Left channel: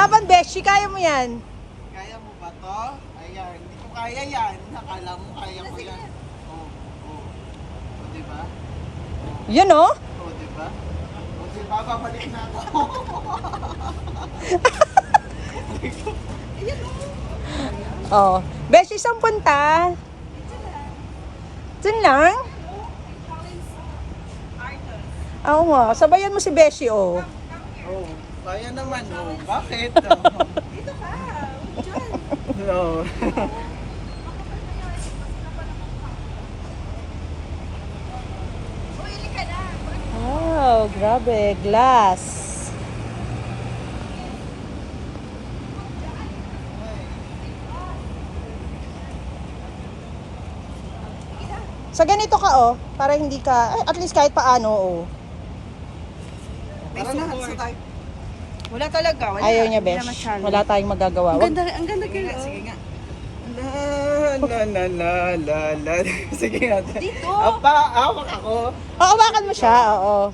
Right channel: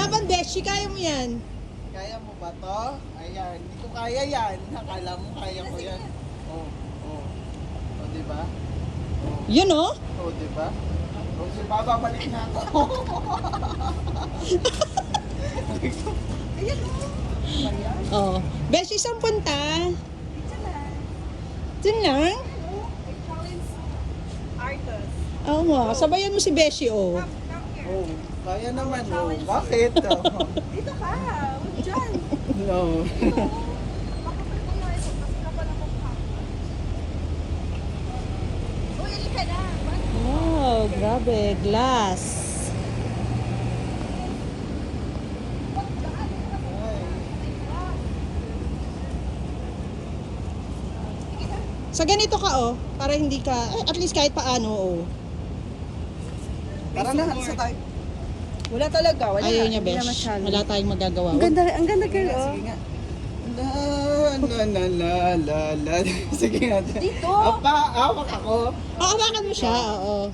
Laban, Beshi, kaya mo yan. Kaya mo ba to? Ayan, hindi ko kaya yan. Nakala mo kaya ko yan. Oh, oh. O, diba? Yun, oh. O, diba? O, diba? Babalik na ako. Oh. Beshi, saan punta? Diyan lang? Oo nga, sabayan mo si Beshi, oh. Oh, kaya naman, oh. Bakit? Dito ka, huwag dyan. No. Uy, hindi ka na. Wow, grabe, glass. Sa ganito ka, oh, para hindi ka, at least kahit paano, oh. Tara na, sa tayo. Wala talaga, wala. Ayaw niya, Hindi Besh. naman challenge. Wala tayong magagawa. Ang ganda kayo. Sige nga. La. Sige nga. Dito. Apa, awak ako. Oo, hawakan mo siya, oo.